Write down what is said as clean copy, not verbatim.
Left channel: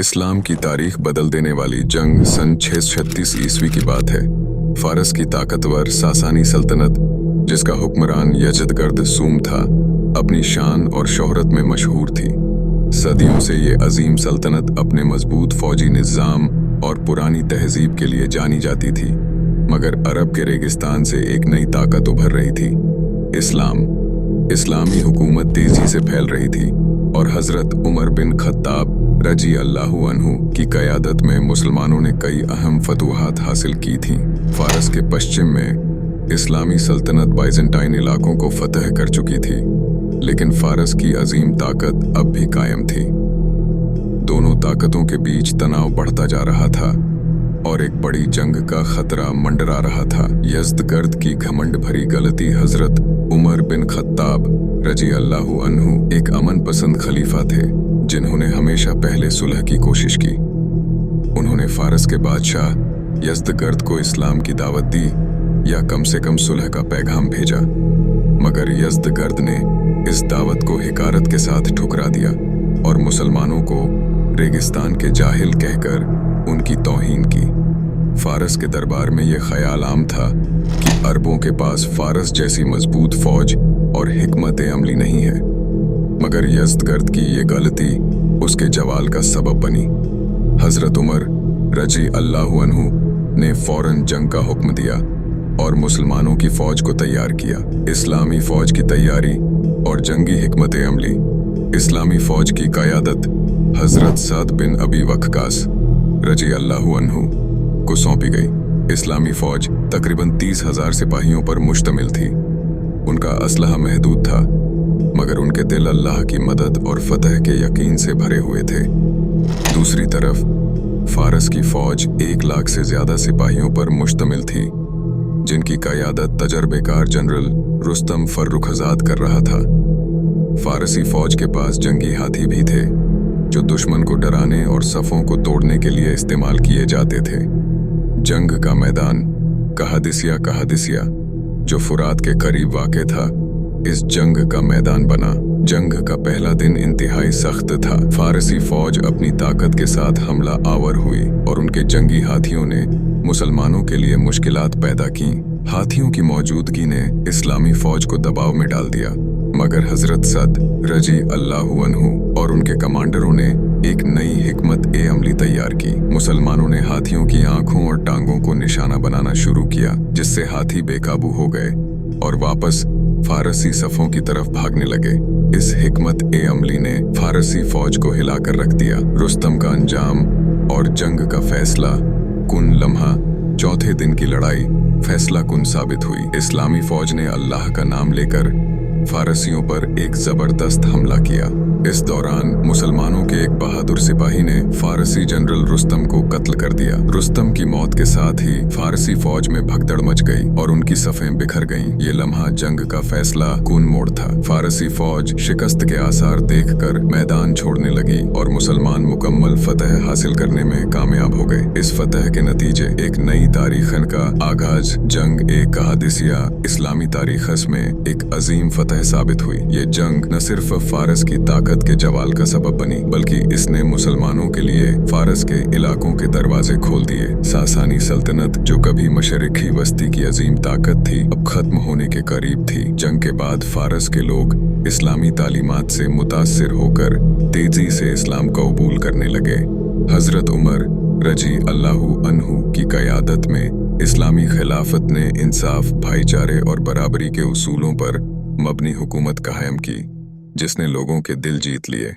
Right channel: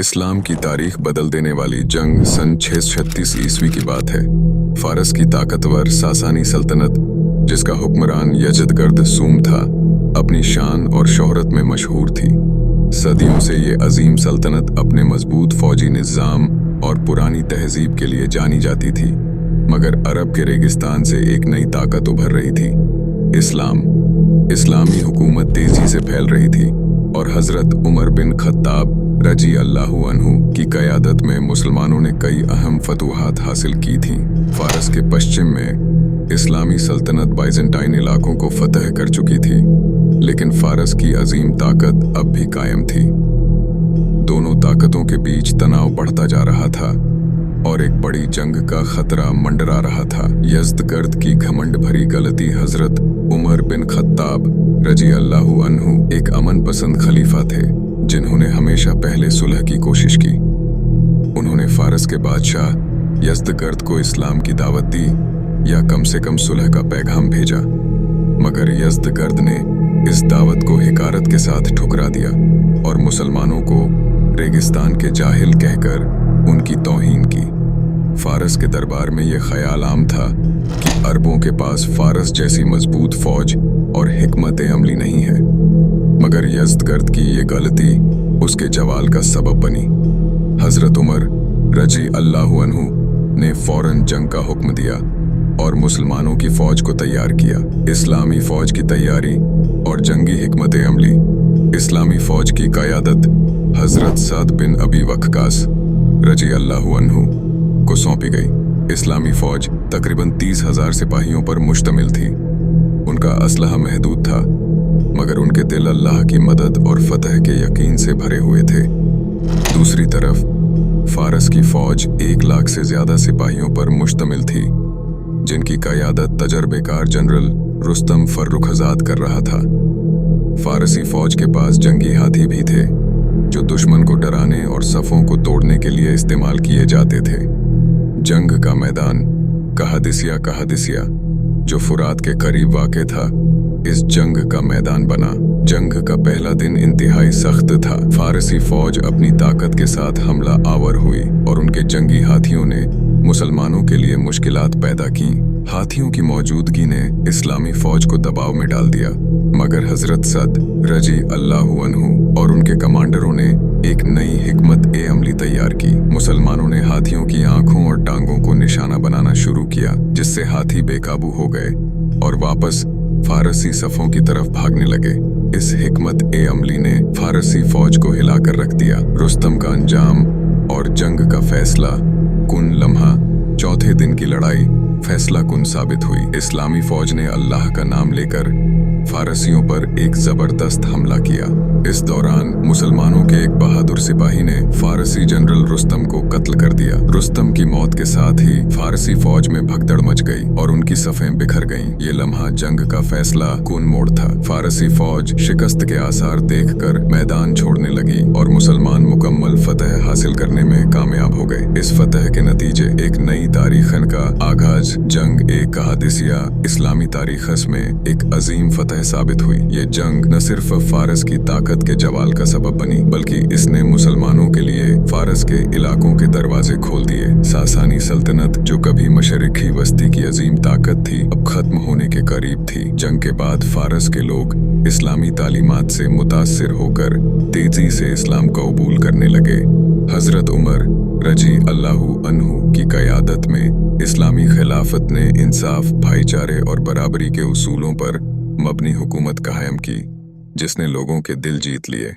इस्लाम की तारीख बदल देने वाली जंग सन 636 ईस्वी की बात है। फारस की ताकतवर सासानी सल्तनत, जिसका हुक्मरान यजदगर्द सूम था, अपनी शान और शोहरत में मशहूर थी। सदियों से ये अजीम सल्तनत अपने मजबूत फौजी निज़ाम और पुरानी तहजीब के लिए जानी जाती थी। मगर अरब के रेगिस्तान से एक नई ताकत उभर रही थी, इस्लामी हुकूमत तेजी से फैल रही थी और हजरत उमर बिन खत्ताब रजी अल्लाहु अन्हु की क़यादत में मुसलमानों ने कई अहम फतूहात हासिल की थीं। फारस के पश्चिम में इस्लामी सल्तनत बाइजेंटाइन इलाकों को फतह कर चुकी थी, लेकिन फारस की अजीम ताकत अब भी कायम थी। दोनों ताकतों के बीच तनाव बढ़ता जा रहा था और एक बड़ी जंग का खतरा मंडरा रहा था। यज़दगर्द की घमंड भरी गलती हजरत उमर बिन खत्ताब रजी अल्लाहु अन्हु एक अमन पसंद खलीफा थे, जिन्होंने हमेशा पहले सुलह की कोशिश की। उन्होंने फारस के बादशाह यज़दगर्द को इस्लाम की दावत दी या कम से कम सुलह का पैगाम भेजा, मगर यज़दगर्द ने इस दावत को हिकारत के साथ ठुकरा दिया और मुसलमानों को रेगिस्तान के जाहिल कहकर उनकी तौहीन की। फारस के दरबार में यह ख्याल आम था कि अरबों के पास फारस जैसी मजबूत फौज और हिकमत अमली नहीं है, मगर यज़दगर्द की ये गलती उसके जवाल का सबब बनी। हजरत उमर रजी अल्लाहु अन्हु ने फौरन जंग का हुक्म दिया और मुसलमानों की फौज को तैयार किया। इस्लामी फौज की तैयारी और जंगी हिकमत अमली। इस्लामी फौज की क़यादत हजरत सअद बिन अबी वक्कास रजी अल्लाहु अन्हु को सौंपी गई। इस्लामी फौज तकरीबन 30,000 सिपाहियों पर मुश्तमिल थी। उनका असलहा महदूद था, मगर उनके दिल अल्लाह की मदद और फतह के यकीन से भरे हुए थे। दूसरी तरफ फारस की फौज 1 लाख से ज्यादा सिपाहियों पर मुश्तमिल थी, जिनकी क़यादत तजर्बेकार जनरल रुस्तम फर्रुखजाद कर रहा था। फारसी फौज के पास जंगी हाथी भी थे, जो दुश्मन को डराने और सफ़ों को तोड़ने के लिए इस्तेमाल किए जाते थे। जंग का मैदान कहादिसिया, जो फुरात के करीब वाक़े था, इस जंग का मैदान बना। जंग का पहला दिन इंतहाई सख्त था। फारसी फौज अपनी ताकत के साथ हमला आवर हुई और उनके जंगी हाथियों ने मुसलमानों के लिए मुश्किलात पैदा की। हाथियों की मौजूदगी ने इस्लामी फौज को दबाव में डाल दिया, मगर हजरत सअद रजी अल्लाहु अन्हु और उनके कमांडरों ने एक नई हिकमत अमली तैयार की। मुसलमानों ने हाथियों की आंखों और टांगों को निशाना बनाना शुरू किया, जिससे हाथी बेकाबू हो गए और वापस फारसी सफ़ों की तरफ भागने लगे। इस हिकमत अमली ने फारसी फौज को हिलाकर रख दिया। रुस्तम का अंजाम और जंग का फैसला कुन लम्हा, चौथे दिन की लड़ाई फैसला कुन साबित हुई। इस्लामी फौज ने अल्लाह का नाम लेकर फारसियों पर एक जबरदस्त हमला किया। इस दौरान मुसलमानों के एक बहादुर सिपाही ने फारसी जनरल रुस्तम को कत्ल कर दिया। रुस्तम की मौत के साथ ही फारसी फौज में भगदड़ मच गई और उनकी सफ़ें बिखर गईं। ये लम्हा जंग का फैसला कुन मोड़ था। फारसी फौज शिकस्त के आसार देखकर मैदान छोड़ने लगी और मुसलमान मुकम्मल फतह हासिल करने में कामयाब हो गए। इस फतह के नतीजे एक नई तारीखन का आगाज जंग कहादिसिया इस्लामी तारीखस में एक अजीम फतह साबित हुई। ये जंग न सिर्फ फारस की ताकत के जवाल का सबब बनी, बल्कि इसने मुसलमानों के लिए फारस के इलाकों के दरवाजे खोल दिए। सासानी सल्तनत, जो कभी मशरिकी वस्ती की अजीम ताकत थी, अब खत्म होने के करीब थी। जंग के बाद फारस के लोग इस्लामी तालीमात से मुतासिर होकर तेजी से इस्लाम का कबूल करने लगे। हजरत उमर रजी अल्लाहु अन्हु की क़यादत में इस्लामी खिलाफत ने इंसाफ, भाईचारे और बराबरी के उसूलों पर मबनी हुकूमत कायम की, जिसने लोगों के दिल जीत लिए।